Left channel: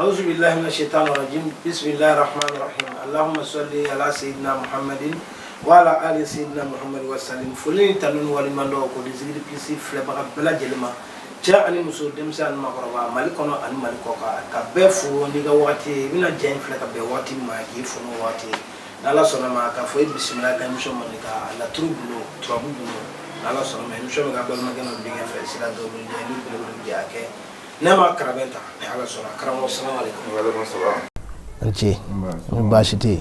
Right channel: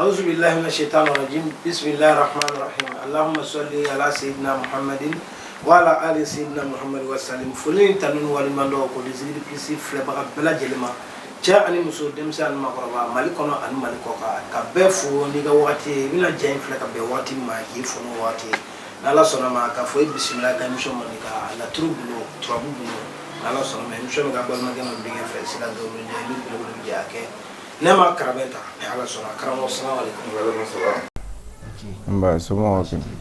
أعوذ بالله من الشيطان الرجيم بسم الله الرحمن الرحيم اللهم صل على سيدنا محمد وعلى آل سيدنا محمد وسلم فلين تنون ولمن دو ko dizigiri pisi fleba bela jelema cha ani muso demsa an makoraba malikono an malikoka ka befu ni ga wati mina jen fleka be wati ma ki fono wati nala sona ma ka fo bismillah ka misho manika la trubulo nala sona ma misho ga bal magana dinga fe sila do ni ni ko yake nema karabenta ala sona karamo assalamu alaikum wa alaikum assalam Nchi mbashiti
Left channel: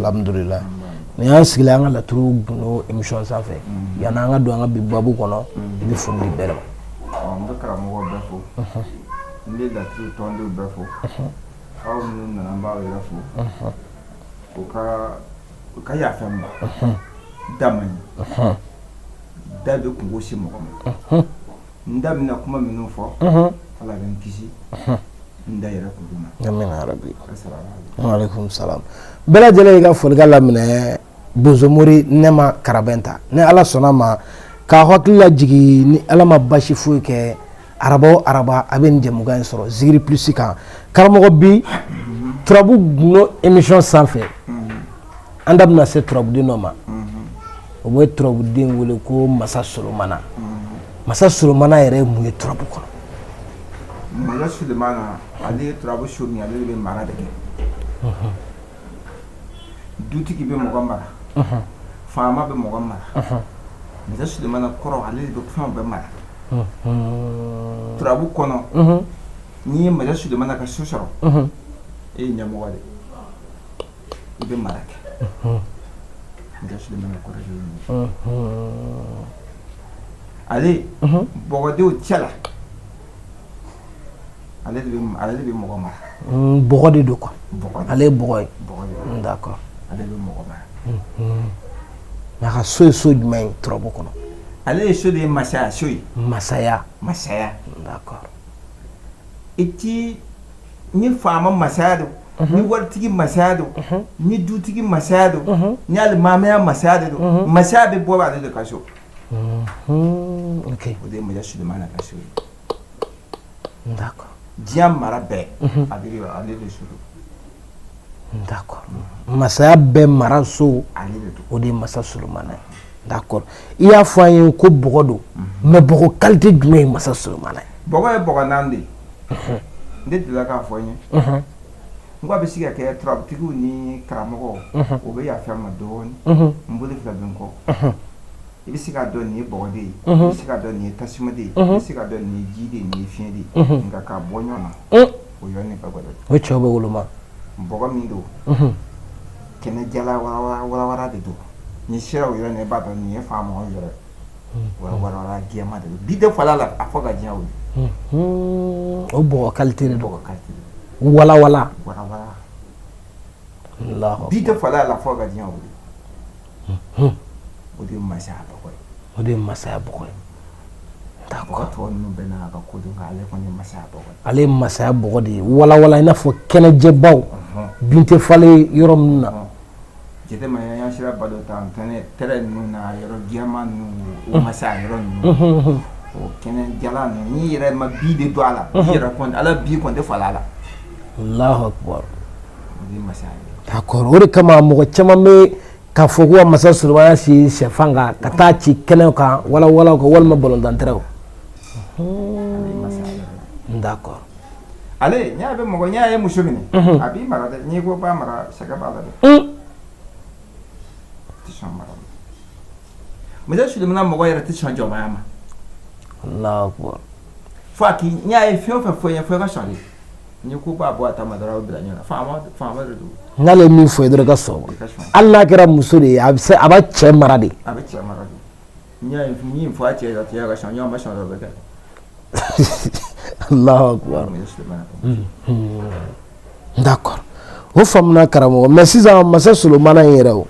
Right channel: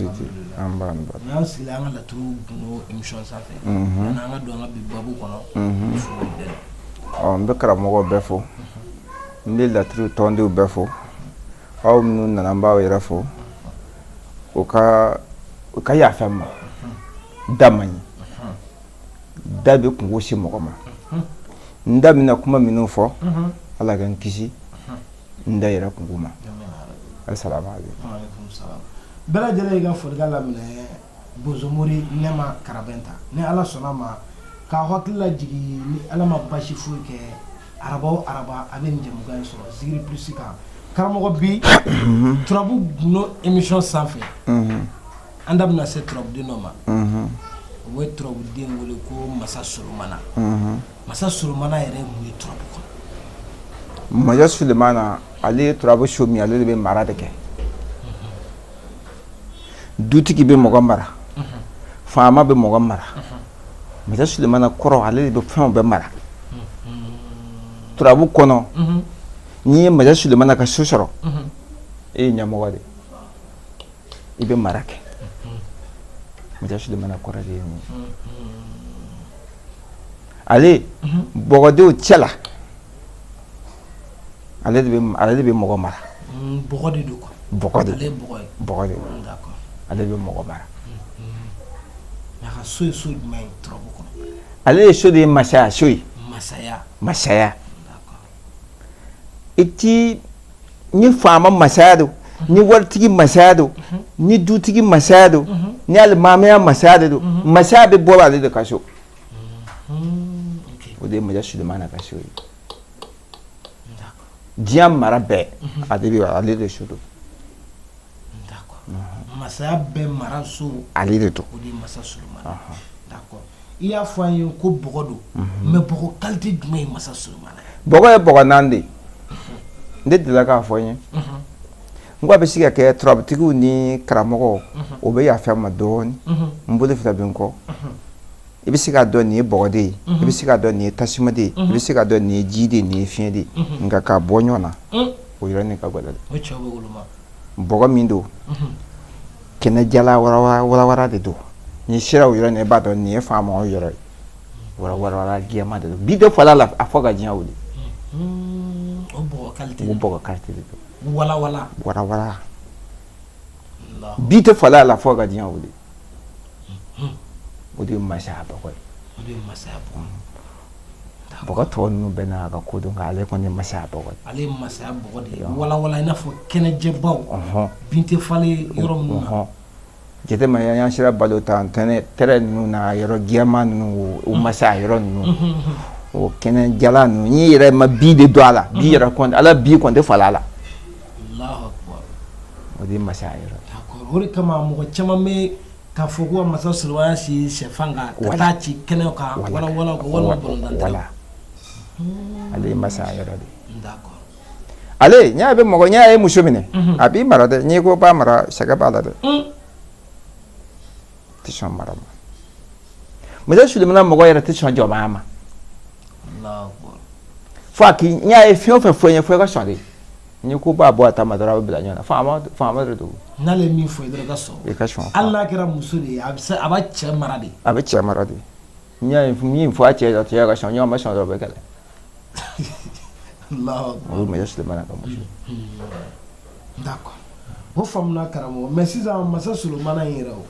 alhamdulillah ni asigila nga la trubulo emission safe yana nga do nga bibabu kono ni fono belo on be karamo befo ndi la tru tondi befo aw nu na namba wa irafo o ka ya fam damani dabe kungo shi mogoma ndamina kuma minufo ala gan kisi ndaira kuguma amin arabi assalamu alaikum wa alaikum salam bela jele ga folga lamne bozomori nema karabenta ne ala sona ma ka hotla jigi ni ala ma bashi fuke araba aben jemuga soro zigiri plus ka karamo bi trabu no emission sanfe andam na se trabu di noma o moy trabu di ngule ko masa solomana yere mu trabu ko Maya Sulemana ali trabu shomi ali be marade ke duti ki be mogambara fama be mogambara Maya Sulemana koro ali be fama be mara trabu kono ni Maya Sulemana ka shoshoro e nyamogade ibe marake Maya Sulemana koro ni ali bogode o chela ale be mogo mara bogode do ko bogode ale bogode d'accord ale be mogo mara ma ka so jumɛn trobo kono ale so de masaya d'accord iti ni fama masaya do ni wartigi masaya do ni dutigi masaya do ni almamiya masaya do masaya be bola ale de kaso ok o de maja Sulemana kaso d'accord diam marabe ale de shudo d'accord masaya be maraso ale de to o de masa Solomana d'accord iya fayin ko bogodo mais bogo qualité jumɛn masa Solomana bogo nande nde de la ka foyen ngwa be siga ke trop tigu ni karamogo o be ya fama don mbude fila benko ibi siga don ni bogode ibi siga don ni tasimade ibi siga don ni jide ni fiende nga ka bonyona o yira ni ka goda o chobe woluma bogo mindo kena jala wara de do ni shira o yira ne ba don ni fama o yira wara giama de bido fala la afoga jiawu o bogo qualité wala Allah bite fala la foga jiawu o de masaya boy d'accord to no bena ka ko do ale ko ni masaya boy ale masaya bogo de wala ina fo kene jebaw binte fale yorom na jete ma ya shira balota antene tere nu na yoro giama nu o masaya yoro nu o kene jala nu ni yere ma bi de do ala bi yere ko ala bi ko de fala la Allahu akbar o de masaya d'accord ore kama mo chama me ka fogo masa Solomana si shefanga kata ci kene ka wala ko walma bolon dantere ale masaya d'accord ale nya be mo nya e mushomine abi marade ni ko ba mara shaga bala de tishan mara Maya Sulemana mo yera tishan jo mama Allahu akbar faki nya e fio fe ka sare ni ko ba bo ata madara be danya fama de do ngale mi fo edra gaso Allah kira musuri aba che marade nya e mi fo a che da che ga shanyo ma shanyo be kale Allahu akbar Maya Sulemana d'accord o famna karamo mais sisan masa Solomana yera o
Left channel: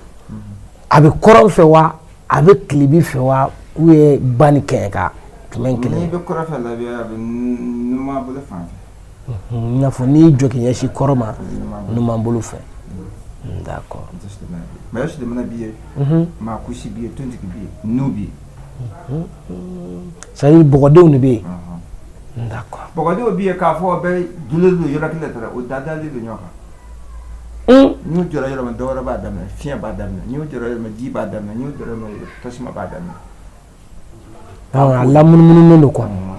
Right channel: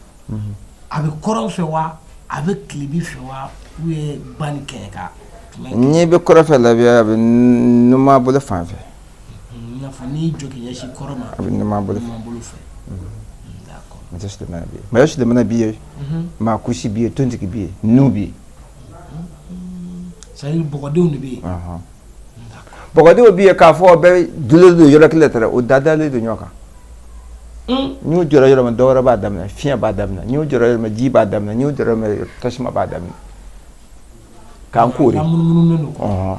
abi koron fe wa abi klibi fe wa ou e bani kenka ni be koro fe la bi abi numa bole fanfe na fo ni joki yashi koroma numa bolu fe d'accord Maya Sulemana biye ma kushi biye tonti ki biye nubi sari bogodew ni be d'accord bogodi obi e ka fo be dule do yoro kiletere o dada le do nyoka ñu joro yoro ma dora ba damna fiya ba damna ñu joro yoro ma ji ba damna ñu joro ma tashma ba damna ka ko la mun ko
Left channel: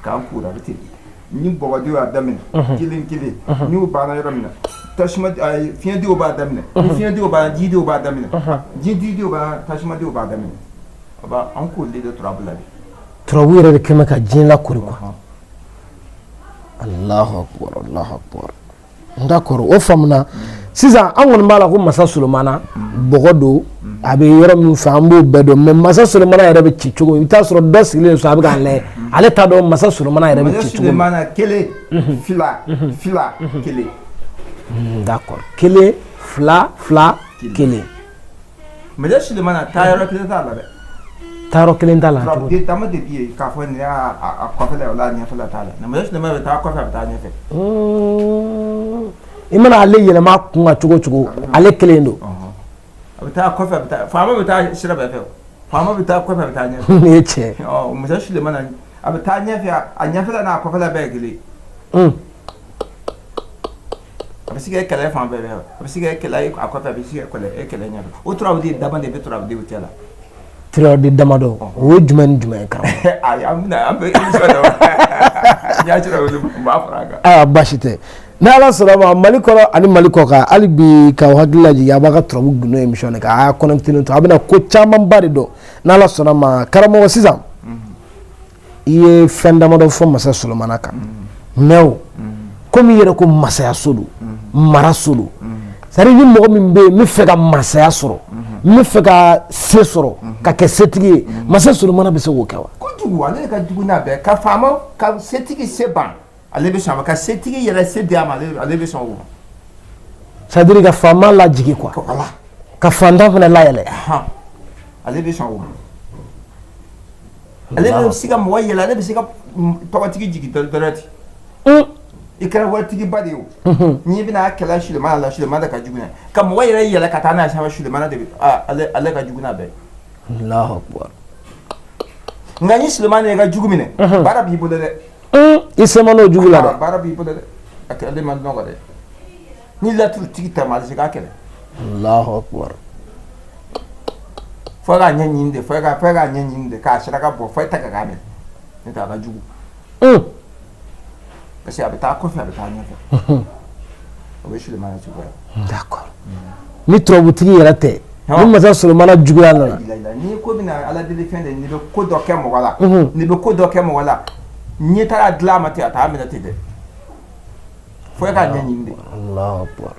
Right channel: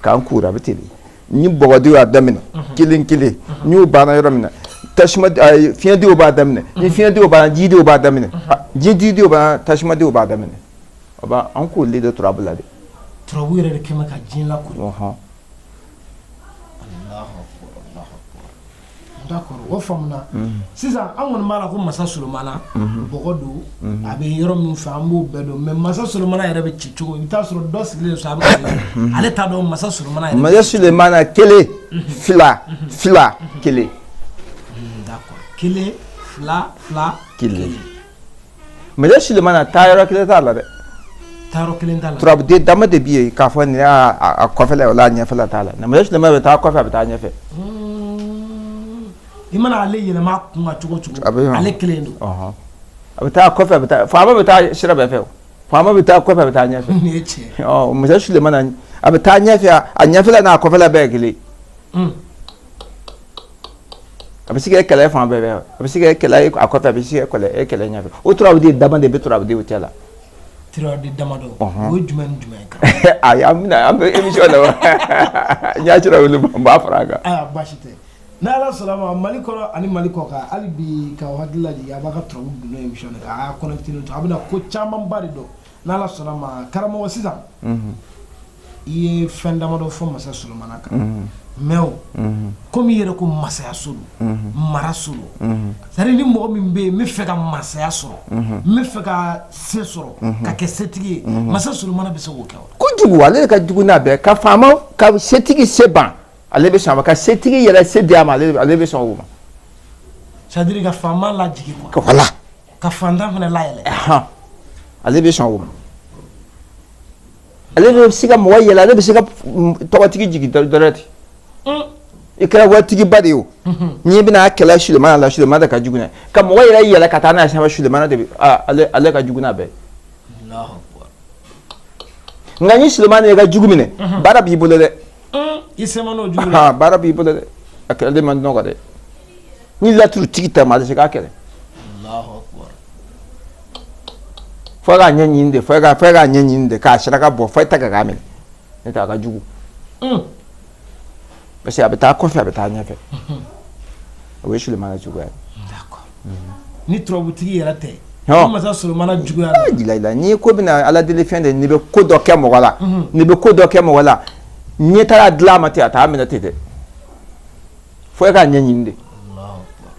kan kura bitili ni bogodi wa damna kilin ñu bana yoro na tashma fiya di ba damna ni fiya di ba ji di ba damna ji di ba tashma di ba damna ba an ko le de trouble de trouble yoro de kema ka jin la kuri ko Allahu akbar d'accord o famna sisan an kɔni b'a la ko masa Solomana bɔgɔ don a bɛ yɔrɔ min fɛ an b'o bɛɛ dɔn mais masa Solomana yɛrɛ bɛ ci cogo i bɛ taa sɔrɔ dɔ sigilen so a bɛ ka lajɛ ale t'a dɔn masa Solomana yɛrɛ bɛ ci cogo masa Solomana kelen fila kelen d'accord kelen fila kelen masa Solomana taa yɔrɔ kelen t'a la dɛ taayɔrɔ kelen t'a la turabu de dama de bi yen k'a fɔ nin y'a kɔfɛla o la ɲɛfɛla t'a la masa Solomana bɛ taa kɔfɛ a bɛ taa ɲɛfɛ i mana ale yɛlɛma kun ka cogo ale kelen don a bɛ taa kɔfɛ a bɛ taa faama bɛ taa sira bɛɛ fɛ faama bɛ taa kɔfɛ a bɛ taa ɲɛfɛ nin ye tiɲɛ masa Solomana a bɛ taa ɲɛfɛ a ɲɛfɛla n'a kɔfɛla bɛɛ ye kelen a bɛ se ka kɛlɛ fan bɛɛ a bɛ se ka kɛlɛ a kɔfɛ a bɛ se ka kɛlɛ ɲɛfɛ o turabu de dama de bɛ turabu de cɛ la turabu de dama dɔ o ye jumɛn ni jumɛn ye kan ayi an bɛ émission na wa n y'a cira wele n b'a fara a kan aa baasi tɛ ni ala sɔnna ma Mali kɔnɔ ani Mali kɔ kan hali bi k'aw hakili lajigin a b'a ka turabu gundo émission de kan a y'a connecté to a bɛna ko camanba de dɔn ni ala sɔnna ma karamɔgɔ sisan i ye fɛn damadɔ fɔ masa Solomana kan mais o komi i yɛrɛ ko masayaso don maraso don c'est-à-dire ni mɔgɔ min bɛ yen n bɛ fɛ ka masaya sɔrɔ n bɛ fɛ ka se sɔrɔ ka kɛ setigi ye masa Solomana bɛ se k'o kɛ wa kojugu ale de ka jugu n'a bɛɛ ka faama ka setigi se ban ale bɛ sɔn a ma ka setigi yɛrɛ se di a ma ale bɛ sɔn o ma c'est-à-dire ka faama lajigi quoi voilà ka fantan fana layɛlɛ ale bɛ sɔn o ma ale bɛ se ka mɔgɔ yɛlɛ ale bɛ se ka tɔgɔtigi jigin dɔrɔn ten i kɛra waritigi ba de ye o n'i bɛna kɛlɛ Solomana la Solomana ka jugu n'a ka mɔgɔ yɛrɛ yɛlɛ ka taa n'a ye sanfɛ Solomana de bɛ ale ka jugu n'a bɛɛ Allahu akbar nka ni Solomana yɛ ka jugu minɛ baara b'i bolo dɛ i se ma n'o jugu la baara b'i bolo dɛ a kɛlɛden man nɔgɔ dɛ ni laturutigi ta ma a tɛ se k'a kɛlɛ Allahu akbar fo k'a ɲɛɲini de fo k'a ɲɛɲini de k'a saraka bɔ fo i ta ka k'a minɛ n'o tɛ a ka jugu parce que a bɛ taa kɔfɛ a bɛ taa ɲɛfɛ o ye Solomana juguya ye d'accord ni turabutigi yɛrɛ tɛ ni masa Solomana juguya la n'i ko bɛna ala deli fɛn de n'i bɛ ko dɔ kɛ mɔgɔ la n'i bɛ ko dɔ kɛ mɔgɔ la ɲɛ taara dilan a ma ten a t'a minɛ ten dɛ fo i k'a ɲɛɲini de Allahu akbar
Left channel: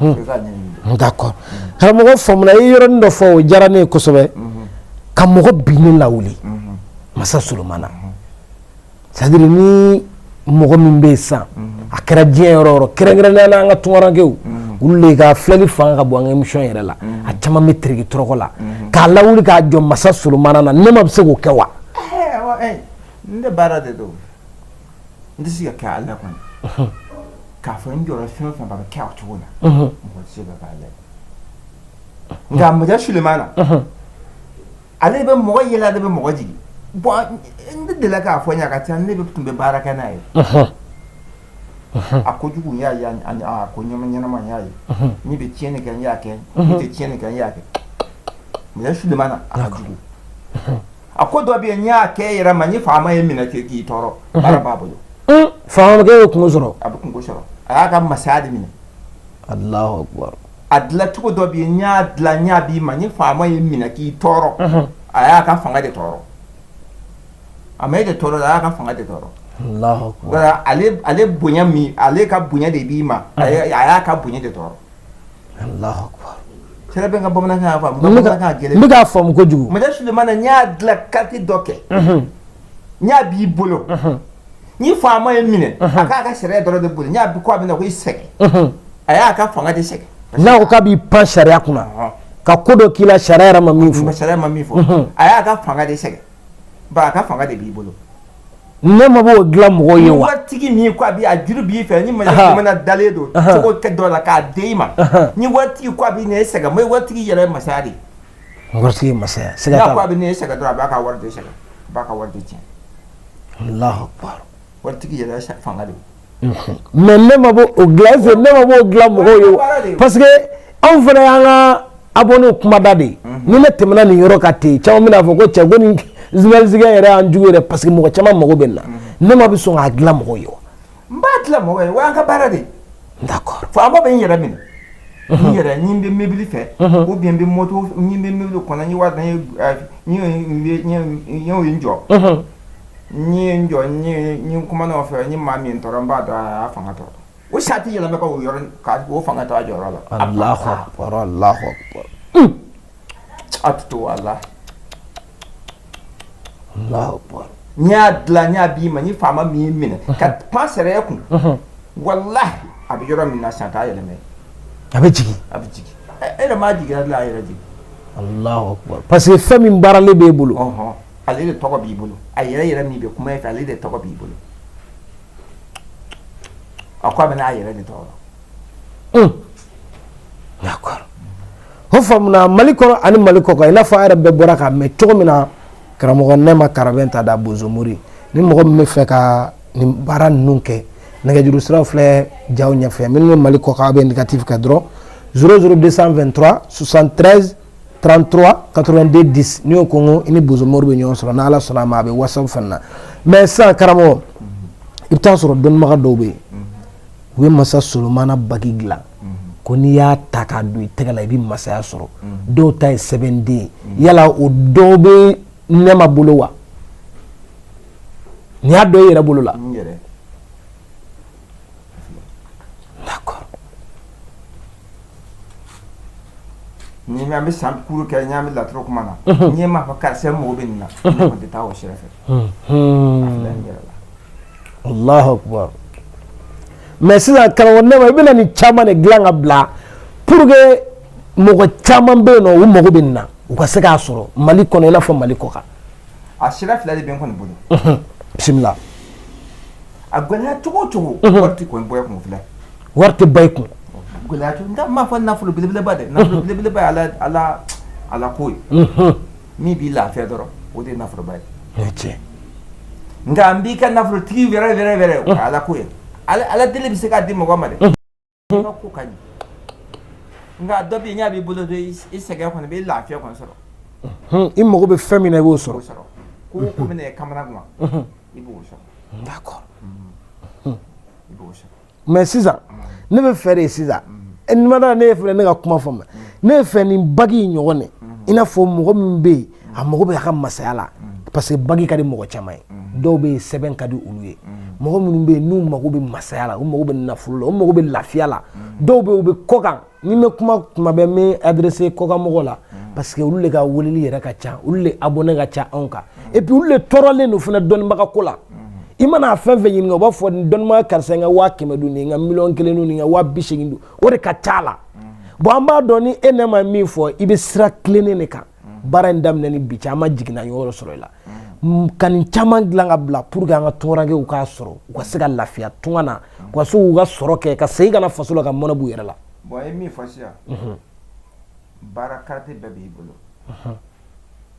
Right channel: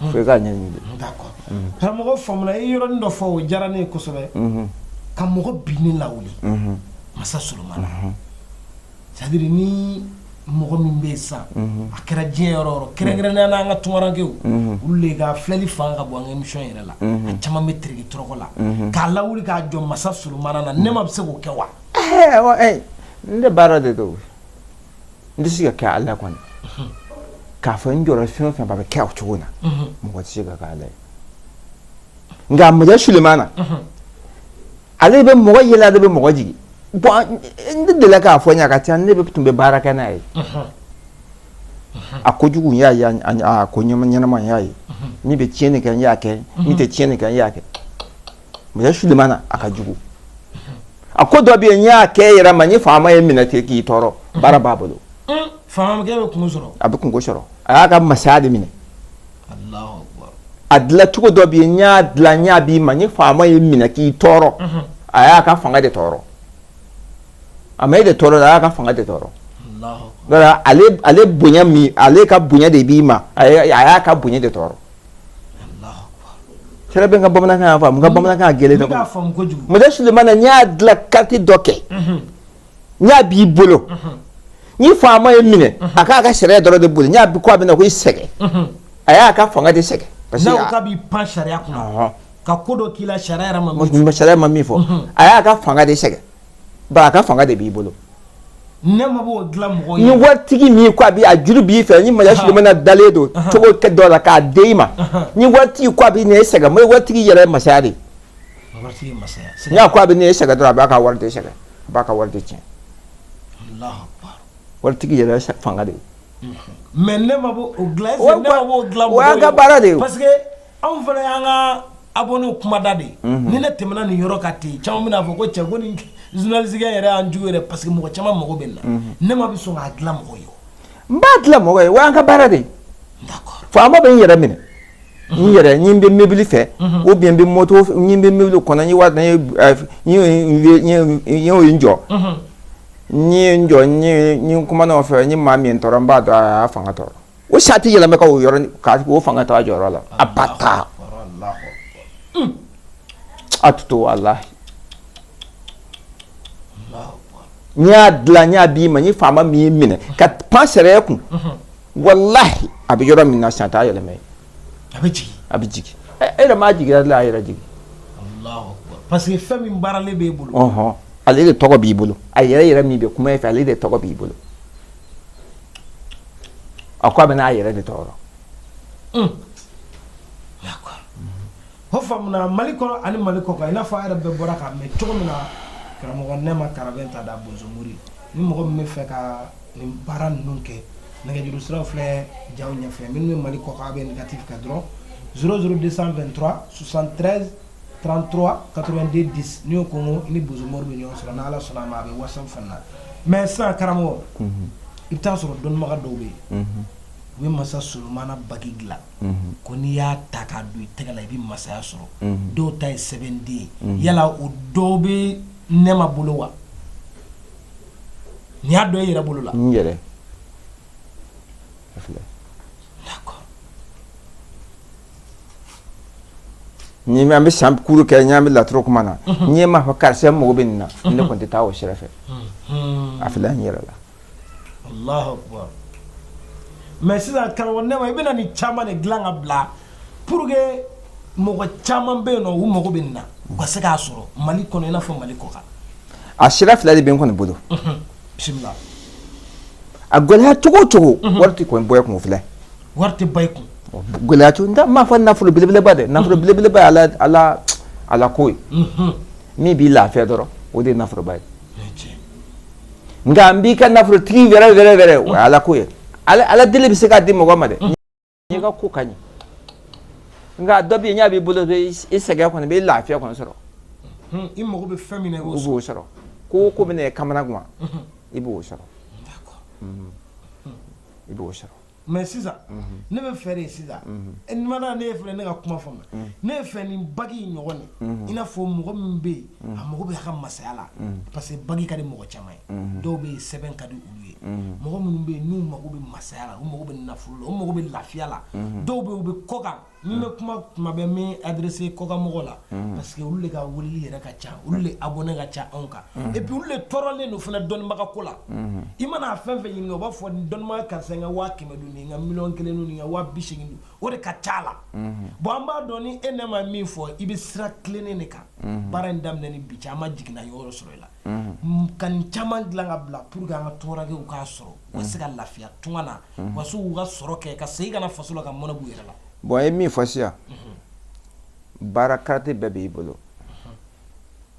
fo i k'a ɲɛɲini de d'accord karamɔgɔ faamuna i ye yɔrɔnin dɔ fɔ o diyara ne ye kosɛbɛ ka mɔgɔ binnen lawuli masa Solomana c'est-à-dire ni mɔgɔ min bɛ yen sisan a kɛra diɲɛ yɔrɔ o yɔrɔ kɛrɛnkɛrɛnnenya la an ka tunkarankew olu de ka filɛli fanga ka bon an ka émission yɛrɛ la a caman bɛ teriki tɔrɔkɔ la k'a lawuli k'a jɔ masa Solomana na ne ma bɛ se k'o kɛ wa n tɛ baara de don n tɛ se ka kɛ ala kɔni k'a fɔ n jɔra fɛn o fɛn ba bɛ kɛ o cogo la mɔgɔ tɛ se ka kɛ ala ye nka masa Solomana ale bɛ mɔgɔ yɛlɛ ale bɛ mɔgɔ jigin bon ne delila k'a fɔ n ye a ka ca ne tun bɛ baara kɛ n'a ye a kojugu n y'a ye a ko ɲɛnama n y'a ye ne bɛ tiɲɛni kɛ n y'a kɛ ne tɛ tiɲɛni kɛ n y'a kɛ masa Solomana a ka jugu a ko dɔ bɛ yen n y'a kɛ yɛrɛ ma n ye faama ye minɛ ten k'i tɔɔrɔ baara b'a bolo faama bɛ kungo sɔrɔ a bɛ kungo sɔrɔ a y'a ka masaya de minɛ Allahu akbar a dilan cogo dɔ bɛ yen n y'a dilan n y'a b'i ma n ye faama ye minɛ k'i tɔɔrɔ a y'a ka fanga de tɔɔrɔ a ma e de tɔɔrɔ a y'a ka fanga de tɔɔrɔ Allahu akbar ale bonya min ale ka bonya de b'i ma a y'a ka bonya de tɔɔrɔ Allahu akbar sɛbɛn bɛ n ka bamanankan y'a faamu n ka bamanankan gɛlɛn n bɛ k'a faamu kojugu masa Solomana n y'a dilan kati dɔ kɛ n y'a b'i bolo n ye faama ye minɛ a k'a ka sariya dɔrɔn de bolo n y'a bi ko a bɛna ko i sɛgɛn a y'a ka fanga de sɛgɛn n'a ko k'a b'i pan sariya kunna ka ko dɔ k'i la sariya yɛrɛ ma min fɔ sariya ma min fɔ a y'a ka fanga de sɛgɛn ba a ka fanga de b'i bolo ne ma b'o dilan mɔgɔw ye ni waritigi min ko a juru b'i fɛ ni masa Solomana dalen don cogo kɛ dɔ la k'a di i ma ni waritigi ko a bɛ nin sɛgɛn mo waritigi yɛrɛ ye masaya de waritigi masaya n'a ko a bɛ nin sɛgɛn dɔrɔn a b'a ka wari de sɛgɛn a b'a ka wari de tiɲɛ Allahu akbar wartigi yɛrɛ fanga de mais ne ma bɔ o dilan fɛ ne ma bɔ o dilan mɔgɔw ye parce que anw fana y'an ka abonné kumada de ni ne tɛmɛna nin yɔrɔ ka ten caman bɛna fɔ ko cɛ ko ni journaliste yɛrɛ y'an jugu yɛrɛ parce que mɔgɔ caman mago bɛ na ne ma bɛ sɔn k'a dilan mɔgɔw ye n b'a dilan mɔgɔ ye wa an ka baara de d'accord faama bɛ n yɛrɛ minɛ n yɛrɛ ni n bɛ mobili fɛ ou bien n bɛ moto ni n bɛ mobili kɔnɔ n ye wari n ye n jɔ n ye n jɔ n ye kumana o fɛ n ye maa min tɔɔrɔ n b'a dɔn a y'a fanga tɔɔrɔ o sa tɛ yɛlɛma ka o yɔrɔ o fanga t'a jɔyɔrɔ la a ba ta Allahu akbar a to walahi Allahu akbar n y'a dilan n y'a b'i ma n ye faama min ye minɛ ka pan sariya kun walahi a bɛ yɔrɔ min na sisan a t'a yɛlɛma yen a bɛ jigin e yɛrɛ m'a jigin a yɛrɛ jigin Allahu akbar parce que fɛn min baaralen b'e bolo ale de tɔgɔ b'i bolo a yɛrɛ min bɛ kuma e fɛ ale de tɔgɔ b'i bolo a ko a bɛ n'a yɛrɛ de tɔgɔ d'accord o faamuna Mali kɔnɔ ani Mali kɔ kan i n'a fɔ a yɛrɛ bɛɛ bɔra k'a mɛn cogo min na karamɔgɔ Nɛma Karabɛn ta da Bozomori ni mɔgɔ min bɛ fɛ ka nin baara ninnu kɛ nɛgɛjuru siraw filɛ jaw ɲɛfɛ minnu bɛ Mali kɔ kan a bɛ indicatif kɛ dɔrɔn 00223 73 33 82 10 ni y'o kɔngɔ i ni Bozomori bɛ ɲɔgɔn sɔrɔ n'Ala sɔnna a ma a bɛ WhatsApp fana na mais sisan karamɔgɔ i bɛ taa sɔrɔ dɔnnibaga dɔw bɛ yen u bɛ masa Solomana bagi dilan ko n'i y'a ta k'a don i tɛgɛ la i bɛ masaya sɔrɔ dɔw ta ye sɛbɛnden yala o dɔw bɛ Nɛma bolo wa n'i y'a dɔn i yɛrɛ bolo la n yɛrɛ d'accord ni an bɛ san kuru kɛ n bɛ laturu kuma na n ye maa fɔ karisa mago bɛ nin na ne kɔni tɛ taa o sira fɛ a filɛ n yɛrɛ la Allahu akbar mais sisan karamɔgɔ Nɛma i bɛna nin caman de dilan ka bila pour que mɔgɔ caman bɛ yen nɔ u mago bɛ nin na u ka se k'a sɔrɔ Mali kɔnɔ i n'a fɔ Mali kɔ kan a sira fila de bɛ n kɔni bolo bisimila a gɛlɛya cogo o cogo wari tɛ kɔni bɔ kun filɛ wari tɛ ba i kun gɛlɛya cogo n m'a fɔ nafolo belebeleba dɛ nafolo belebeleba ye ala ko ye min b'i lafiya dɔrɔn o de ye nafoloba ye nka n b'i ka nafolotigi wɛrɛ o ye ala ko ye ala deli bɛ se k'a di mɔgɔ ma dɛ n ka ko ka ɲi nka dɔ bɛ yen n y'a b'i bolo i sɛgɛn kɔni i bɛ lafiya kɔni sɔrɔ i mago bɛ fɛn min na i b'o sɔrɔ ko ko bɛ na kamana kuma i b'o sɔrɔ d'accord i b'o sɔrɔ mais sisan ne bɛ fɛ de sisan ni ma da ne ye filɛ ne ka kuma fɔ ma ne ye fɛ nin bagi in ɲɔgɔn de i n'a fɔ mɔgɔ min bɛ yen a mago bɛ a ka masaya la parce que bagi ka di mɔgɔ caman ye dɔw bɛ yen sɛbɛn ka di olu ye mɔgɔ minnu bɛ yen n'u mago bɛ masaya la u mago bɛ nafolo la u mago bɛ lafiya la dɔw bɛ yen u bɛ kɔkan ni bɛ kuma tuma bɛɛ n bɛ adressé kɔkan mɔgɔw la parce que olu de ka weleli yɛrɛ ka ca olu de abonné ka ca anw kan et puis olu de tɔɔrɔlen don fana dɔnnibaga ko la i mana fɛn fɛn ɲininka u b'a fɔ nin dɔnnibaga karisa n ka 500 don nin n ka 1,000,000 don nin n ka 80,000 don o de ka ca la bon an b'a dɔn ni e ne ma min fɔ i bɛ sira tilennen de kan baara in daminɛ ni bi cɛ an ma jiginna yɔrɔ sɔrɔ i la ka nin caman dilan ka bila pour que an ka tɔɔrɔkɛw k'a sɔrɔ u ka se ka lafiya tunga na u ka se k'u ka sɔrɔ kɛ ka segin ka na faso la ka mɔnɛ b'u yɛrɛ la bon a ye min fɔ sisan baara karate bɛɛ b'i bolo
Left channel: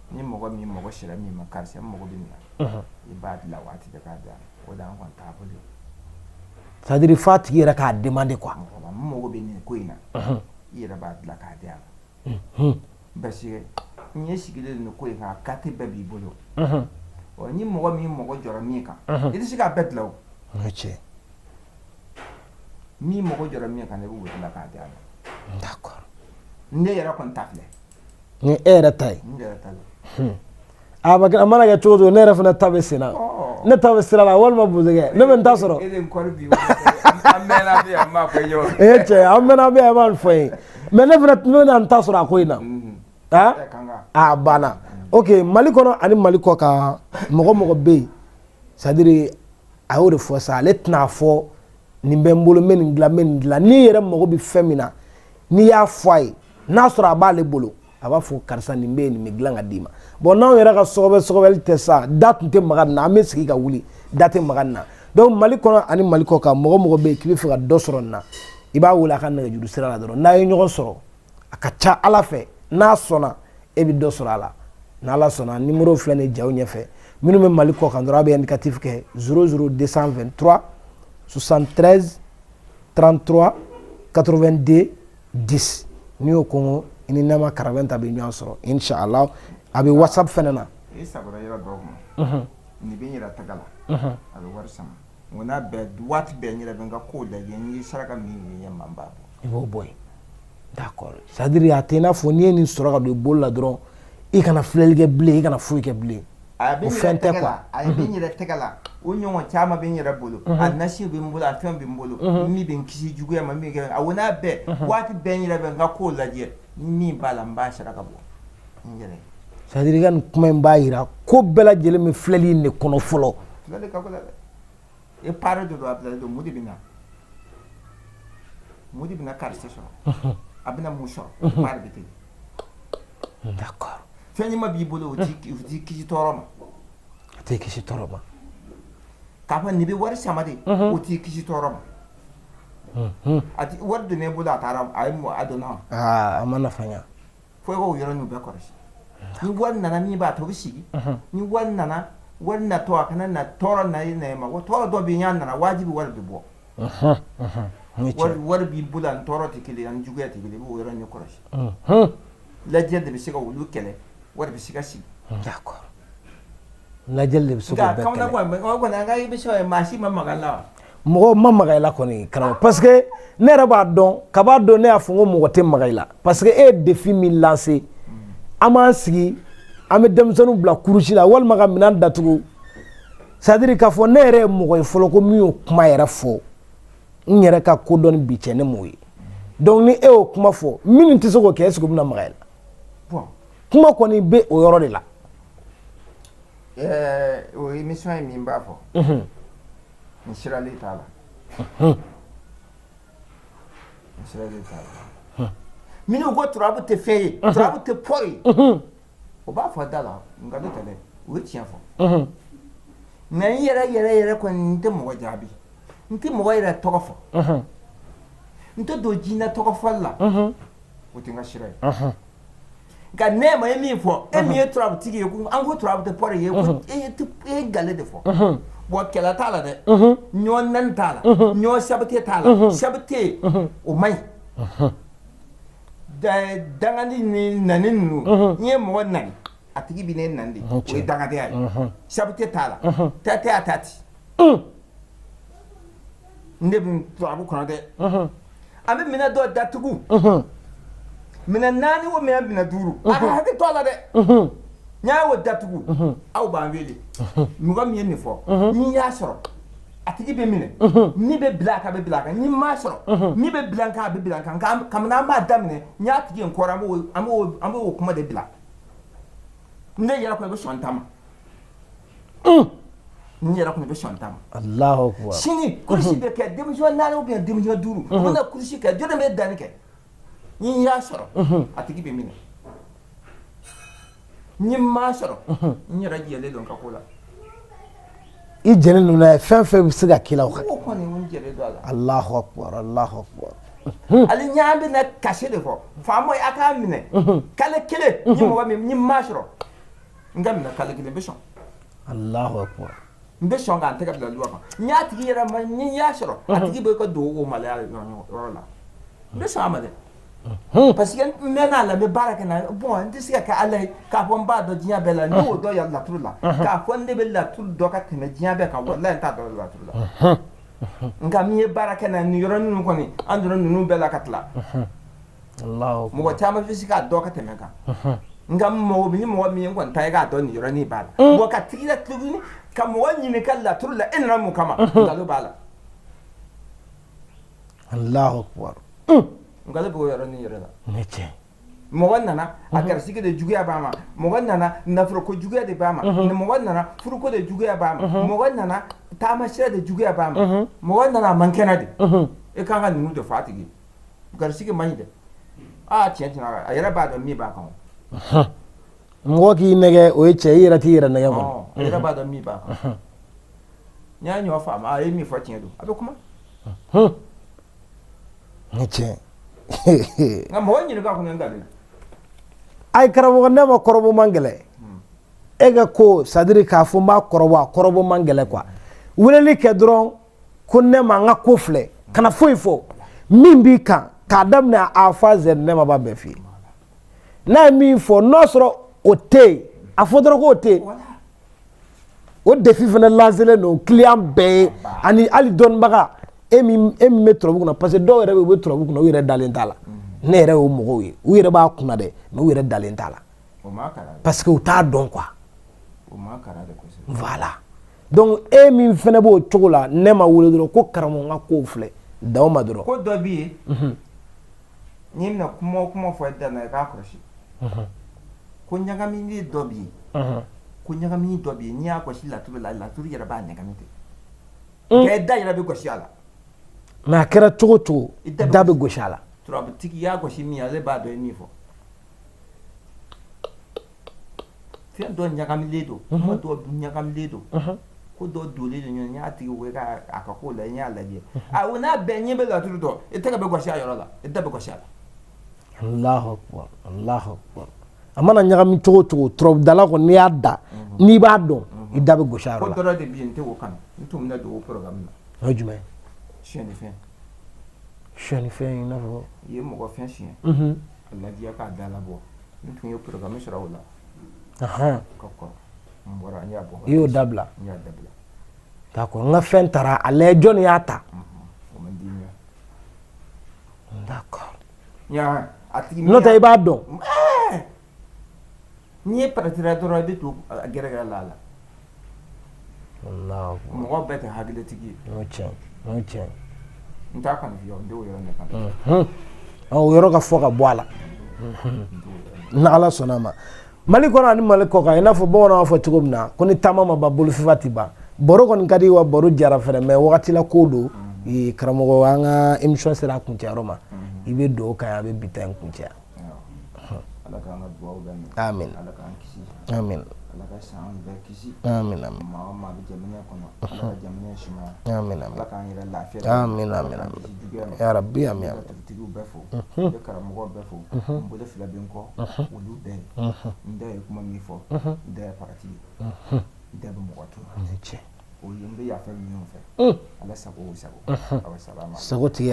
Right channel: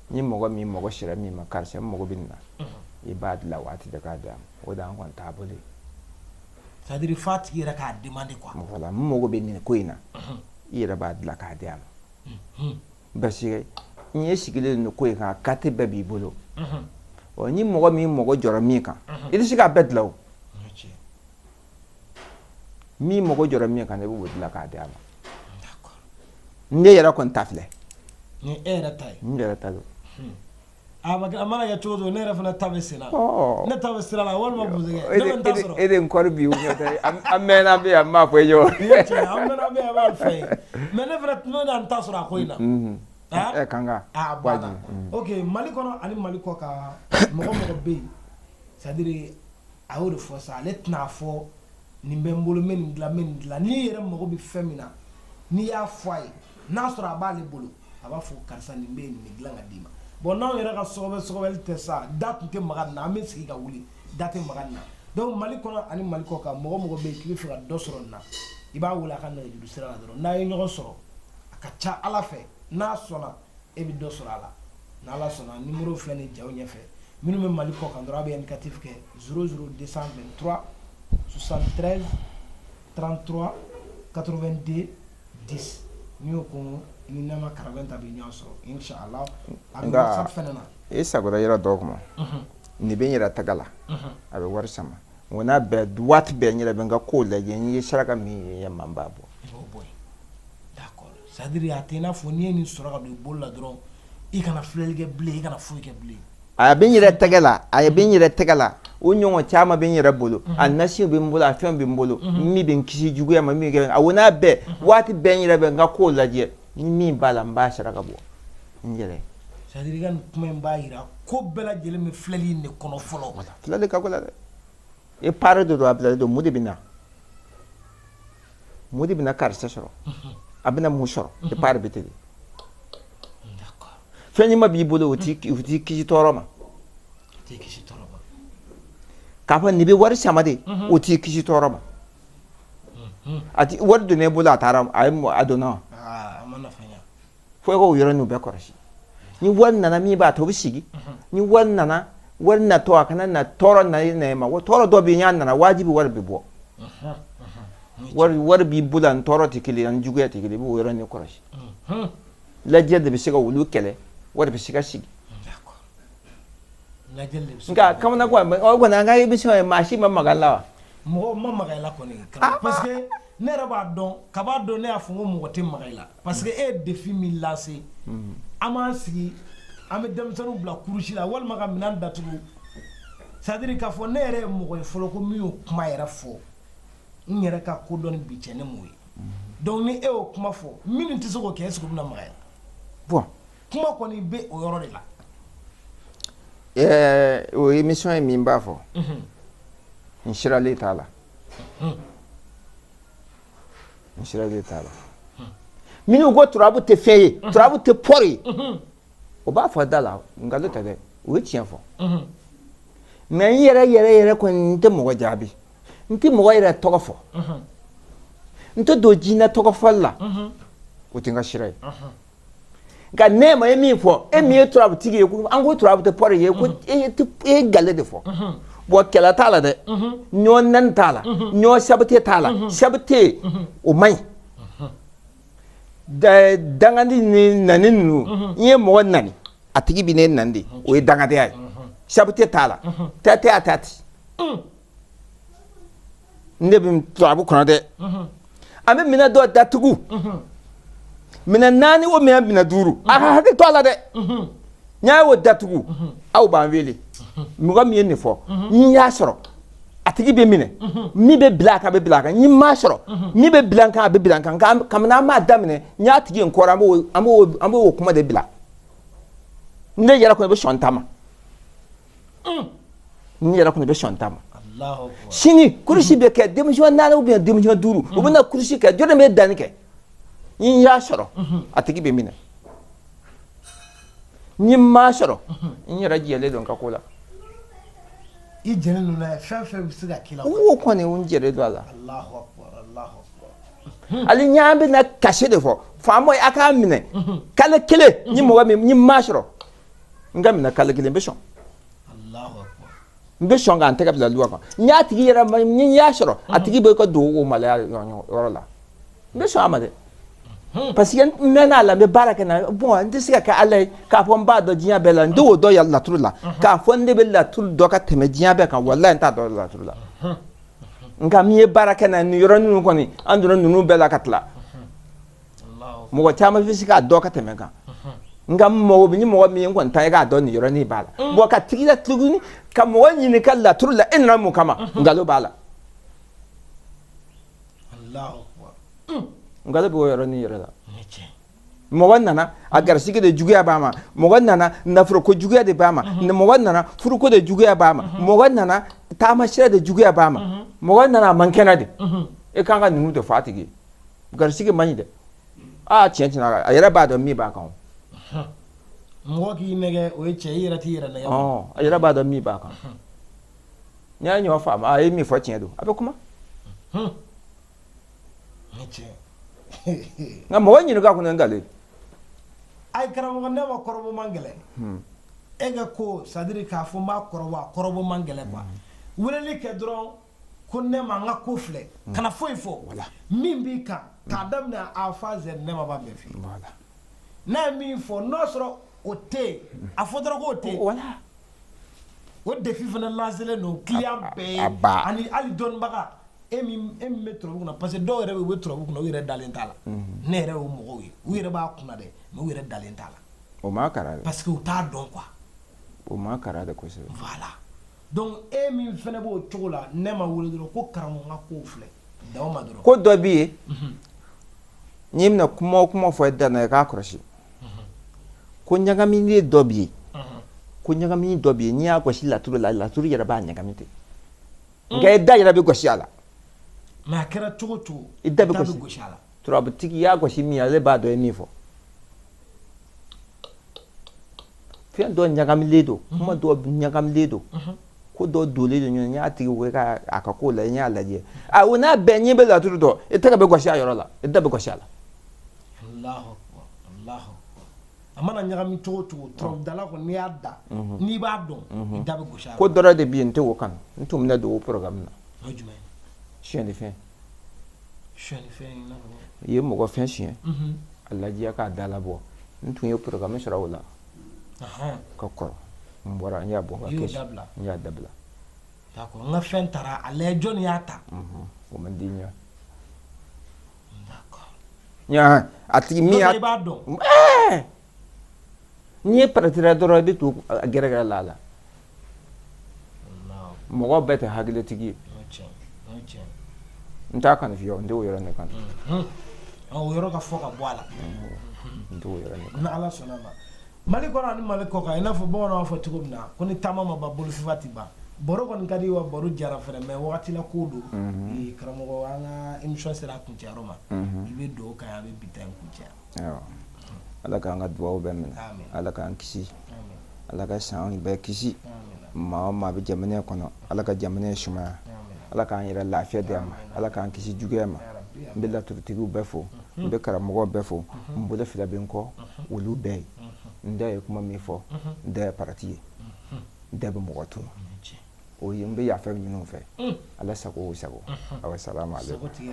ni mɔgɔ min mɔgɔ sira min ma karisa mɔgɔ bɛ nin na i b'a dilan waati bɛɛ k'a d'a ma o de an kɔni t'a bolo c'est à dire f'a tigi yɛrɛ k'a demander quoi voilà n mago bɛ nin ko in na i yɛrɛ b'a dilan k'a di a ma parce que n ye sigilen nin ko in kan kate bɛɛ b'i bolo ni mɔgɔ min mɔgɔ jɔra min kan i tɛ se k'a bɛɛ dilan o min mɔgɔ jɔra min kan i b'o dilan k'a di a ma d'accord ne yɛrɛ kɔni ta filɛ ni e yɛrɛ ta ye n yɛrɛ ta don a mana kɛ cogo o cogo ne yɛrɛ fana ta bɛ sen na ne ta bɛ sira la walima bozokɛ ne bɛ n ta sɔrɔ e de n kɔri bi an mɛnna bɛ yan n b'a fɔ i ye wa cɛ an mɛnna bɛ yan n b'a fɔ ye mais ne fana bɛna n ta sɔrɔ a ko in na a banna ok Mali kɔnɔ ani Mali kɔ kan mɔgɔ mɔgɔ bɛ yen c'est à dire a y'o de fɔ sa ale tɛna fɔ nin bɛ n bolo n bɛ nin dilan n'i yɛrɛ mago bɛ fɛn min na n'i y'a fɔ a ye n'a sɔrɔ a b'ale bolo a b'a fɔ karisa nin bɛ yen nin bɛ dilan ka d'i ma bon n'anw yɛrɛ ka sɔgɔbɛli tɛ sa da tun tɛ maga nin na an bɛ sigi ka wuli da tɛ maga nin na donc Mali kɔnɔ ani Mali kɔ kan mɔgɔ mɔgɔ bɛ yen k'i bɛ fɛ ka dɔ sɔrɔ nin na i b'a wele a ka nɛgɛjuru sira la dɔrɔn n'a ye ɲɔgɔn sɔrɔ a ka ca Ala fɛ n'a sɔnna e bɛ dɔ sɔrɔ a la n'Ala sɔnna numéro filɛ nin jaw ɲɛfɛ minnu bɛ mali kɔ kan dɔrɔn a bɛ indicatif kɛ 00223 73 33 82 10 n'i y'o kɔngɔ i ni Nɛma Karabɛn bɛ ɲɔgɔn sɔrɔ inshallah a bɛ whatsapp fɛnɛ na e sagora yɔrɔ dɔ kuma ni bɛ n yɛrɛ taga la a bɛ wari sama n n'a bɛɛ waati bɛɛ n yɛrɛ bɛ n ka kow lajɛ n ye saraka min ye man b'a bɔ i b'o bɔ yen d'accord c'est à dire a tɛ i n'a fɔ n'i ye nin sɔrɔ ka don i bolo la dɔrɔn i kana filɛli kɛ bilen i kana foyi kɛ bilen a bɛ n yɛrɛ tɛgɛ la a bɛ n yɛrɛ tɛgɛ la o ɲɔgɔn caman bɛ n yɛrɛ bolo a nasi bɛ n bolo a fɛn bɛ n bolo min bɛ n kisi juguya ma min kɛ a n'a bɛɛ waati bɛɛ n yɛrɛ bɛ n ka kow lajɛ ni min b'a la n b'a saraka bɔ n yɛrɛ c'est à dire i ka nin kuma in b'a yira ko bɛɛ lajɛlen bɛ filɛli in de kɔnɔ fɔlɔ filɛli ka gɛlɛn dɛ e pare de don a bilalen don mun de bɛ na karisa sɔrɔ a bɛna mun sɔrɔ e pare bɛ ten d'accord fɛn ɲuman b'i bolo o t'i kisi tɔɔrɔ ma a t'i kisi tɔɔrɔ ma k'a fɔ nin bɛ wari sama de o t'i kisi tɔɔrɔ ma a ti wari donnen e bolo a taara a donna a ma nafa ɲa fo e k'o yɔrɔnin bɛɛ kɔlɔsi ni wari nana min b'a to o bɛ sigi ni wari nana wari natɔ a kana na tɔɔrɔ na e ma tɔɔrɔ dɔ bɛ yen n'a nana wajibi wari bɛ bɔ wari b'i bolo ani tɔɔrɔ tɛ kelen ani juguya tɛ kelen i b'o yɔrɔnin kɔlɔsi lajɛ de bɛ se ka wulu kɛlɛ wari bɛ se ka sigi d'accord lajɛli de bɛ se ka kamana ko o kɔni an ka émission ye maa si ma maga la wa mɔgɔ ma maga i la kɔni karamɔgɔ parce que ne yɛrɛ b'a dɔn kab'a dɔn ne y'a fɔ n ko mɔgɔ tɛ maga i la parce que e ye défi min lancé an b'an sigi an bɛ denmisɛnninw bila kurusi la walima ka minɛn datugu c'est à dire k'a fɔ ne yɛrɛ ye mɔgɔ ye fɔlɔ ko min y'o kuma yɛrɛ fɔ n yɛrɛ ka kodɔn bi cɛ ne m'o ye donc ni e y'o kuma fɔ minnu tɛ se k'o kɛ est-ce que u bɛna maga i la bon kuma kɔni bɛ o yɔrɔ de la o émission ye min b'a fɔ n siralen t'a la n siralen t'a la minnu ko turabu tɛ fɛn ye turabu tɛ pɔri ye o b'a fɔ da la nkalon tɛ dɛ o ye tiɲɛ fɔ nka n yɛrɛ kɔni n tɛ mɔgɔ jaabi n tɛ mɔgɔ yɛrɛ tɔgɔ fɔ n tɛ don jinɛ tɔgɔ fɔli la o tɛ n ka sira ye nka ne ma ye min fɔ e min ye turabu tigi ye an ko turabu tɛ pɔri ye ko e ye gale de fɔ bon kɛlɛ t'a la dɛ ɲɔ nani t'a la ɲɔ sabute t'a la sabute o man ɲi dangani ni nani ninnu n ye mɔgɔ nani a tigi bɛ ne nani de o ye dangadenya ye sabute t'a la tɛtɛ a ta ten ne bɛ turabu kɔnɔ dɛ an bɛ minɛ dɔ datugu minɛ naani o minɛ duuru a ka hakili to a la dɛ n y'a y'o datugu aw b'an wele mɔgɔ min ye nin fɔ n y'a sɔrɔ a tigi bɛ minɛ min bɛ bila a kan a bɛ bila a kan n m'a sɔrɔ min bɛ bila a kan a bɛ bila a kan kabini an b'a daminɛ n y'a tigi in kɔrɔ an b'o kuma de bila ne yɛrɛ kɔni bɛ sɔn ta ma n yɛrɛ kɔni bɛ sɔn ta ma Allahu Akbar sini kurusi bɛ kɛ denmisɛn naani ou bien denmisɛn duuru u bɛ na kurusi kɛ jɔn de bɛ danni kɛ n y'a sɔrɔ a tigi bɛ minɛ n m'a sɔrɔ n yɛrɛ jɛlen don ka ko la i jɛlen don n'a ye fɛn fɛn bɛ se ka k'i la o kɔni n jɛlen don a la Allahu Akbar Allahu Akbar hali n y'a bɛna kasi de fɔ faama a k'a minɛ kalo kelen n mɔgɔ min n m'a sɔrɔ n ka minɛ kalo kelen n bɛ sɔn Allahu Akbar n bɛ sɔn k'an tɛgɛ bila luwa kan n y'a tigi yɛrɛ ma n y'a sɔrɔ a tigi bɛ ka don o maloya yɔrɔ la n bɛ sɔn a ma dɛ parce que n mɛnna a la n bɛ baara kɛ n'a bon n tɛ se ka kɛ ala ye k'a fɔ n b'a dɔn diɲɛ bɛɛ la n tɛ o dɔn yan laturu la k'a fɔ ne bɛ laturu dɔn ka tɛmɛ diɲɛ bɛɛ kan walayi n t'a dɔn laturu la nka min ye baara kɛ n'a nin yɔrɔnin kɔni an donna ninnu bɛɛ la ka tila mɔgɔ caman bɛ se k'a dɔn ka tɛmɛ kan nka ni mɔgɔ min kɔni ta ye k'a dɔn nin yɔrɔnin b'a la bon ka tigi la tuguni ka mɔgɔ ɲini ka laturu la e nana mun kama nkalon b'a la Allahu Akbar nkalon b'o yɔrɔnin yɛrɛ la mɔgɔ nana a garisigi de juguya b'a ma mɔgɔ nana nafoloko juguya de b'a ma mɔgɔ nana furuko de juguya b'a ma mɔgɔ nana taamasira de juguya b'a ma mɔgɔ nana a man kɛnɛ de e kan ka ninnu de fɔ a tigi garisigi man ɲi dɛ tiɲɛ tiɲɛ a yɛrɛ b'a dɔn min b'a kan mɔgɔ k'i nɛgɛ o ye cɛ i yɛrɛ t'i yɛrɛ nɛgɛ kɔnɔ a yɛrɛ b'a dɔn min b'a kan n'i y'a ɲɔgɔn faamu a ye min fɔ tiɲɛ don a bɛ kuma tiɲɛ nka mɔgɔ ɲininka kɔni nkalon ay karamɔgɔ ne ma kɔrɔbɔ man gɛlɛ ega ko sadiri k'a fɔ n b'a kɔrɔbɔ man gɛlɛ quoi weleli kɛ dɔrɔn ko ne ma n ka ko filɛ kana foyi fɔ min b'i kan k'a daminɛ a fɔ a z ne ma b'a bɛɛ f'i ye n'a ye min fɔ n'o sɔrɔ o tɛ yen a fɔ dɔrɔn k'o tɛ yen o défi fana lancelen don client bɛɛ ye ani hali dɔnnibaga e min bɛ turabu kunna parce que dɔw yɛrɛ bɛ yen u bɛ turabu kunna u yɛrɛ dalen t'a la ne yɛrɛ y'o mɔgɔw ye u yɛrɛ b'a kunna dɛ mais u yɛrɛ dalen t'a la parce que u t'a dɔn quoi voilà donc e min fana b'o cogo la ne ma wele dɔrɔn ko karamɔgɔ n ka kow filɛ daw ma dɔrɔn ko dɔ b'i ye n'i bɛna kuma o kuma fɔ i da la i k'a kɔlɔsi ko ɲagamini dɔ b'i ye ko ɲagamini dɔ b'i ye n'i y'a gosi laturu la laturu yɛrɛ b'a ɲagami ten nka i da yɛrɛ bɛ gosi a la mais a kɛra cogo cogo i da bɛ gosi a la turabutigi i y'a gosi min ale b'a dɔn i ye min fɔ fɛn dɔ ɲagamilen don kuma dɔ ɲagamilen don ko dɔ donlen don ɲɔgɔn n y'a tigi wele k'a ka ko la n y'a lajɛ o n'a bɛɛ ɲɛ bɛ laturu dɔn i tɛgɛ bɛ gosi a yɔrɔ la i da bɛ gosi a la Allahu akbar a mana ɲagami cogo cogo turabudala kɔni n'i y'a da n'i b'a dɔn i da bɛ gosi a yɔrɔ la ko dɔ de bɛ yen n tɛ o kan n tun bɛna don o programme na o ye jumɛn siyɛnifɛn i n'a fɔ i ye mɔgɔ fɛn siyɛn a lajɛ k'a da labɔ n tun ye programme sɔrɔ o la ka kɔrɔ n bɔra n y'a bɔ i y'o dabila n y'a dabila d'accord n ka fɛn taara a lajɛ jɔnni y'a ta o man di n ye d'accord a tigi n'o tɛ i b'a dɔn n'i ye paratira dɔrɔn i bɛ to a gɛrɛgɛrɛ la a la mɔgɔ bɛɛ tɛ hakilitigi ye n'o tiɲɛ n t'a kanu f'i ye n t'o yɔrɔ ne kan o yɔrɔ ka fɔ ka bɔ a la n'Ala sɔnna a ma Mali kɔnɔ ani Mali kɔ kan i n'a fɔ bamananw b'a fɔ cogo min na ko ni taama ma ban bolofifa tɛ ban baro kɔni ka di wa baro jara fɛnɛ mais wagati la ko don karamɔgɔ an ka émission sera a kuncɛyɔrɔ ma i bɛ don o kan a bɛ bi ta in kuncɛya Ala k'an ka duwawu bɛɛ minɛ amin Ala k'an kisi amin Ala ka san bɛɛ kisi amin maa o maa bɛ jamana in kɔnɔ Ala ka jamana in sumaya amin Ala k'an yɛrɛ lafiya amin Ala k'an kisi juguya ma ya rabbi amin n bɛ laturutigiw bɛɛ fo n bɛ karamɔgɔw bɛɛ fo n bolo fila bɛ n kɔ olu bɛɛ ye n da ye kuma min fɔ n da ye parati ye n da bɛ mɔgɔ tunu o ye n bɛ yafa minnu fɛ Ala sago o sago awa salamu aleykum sago tigɛ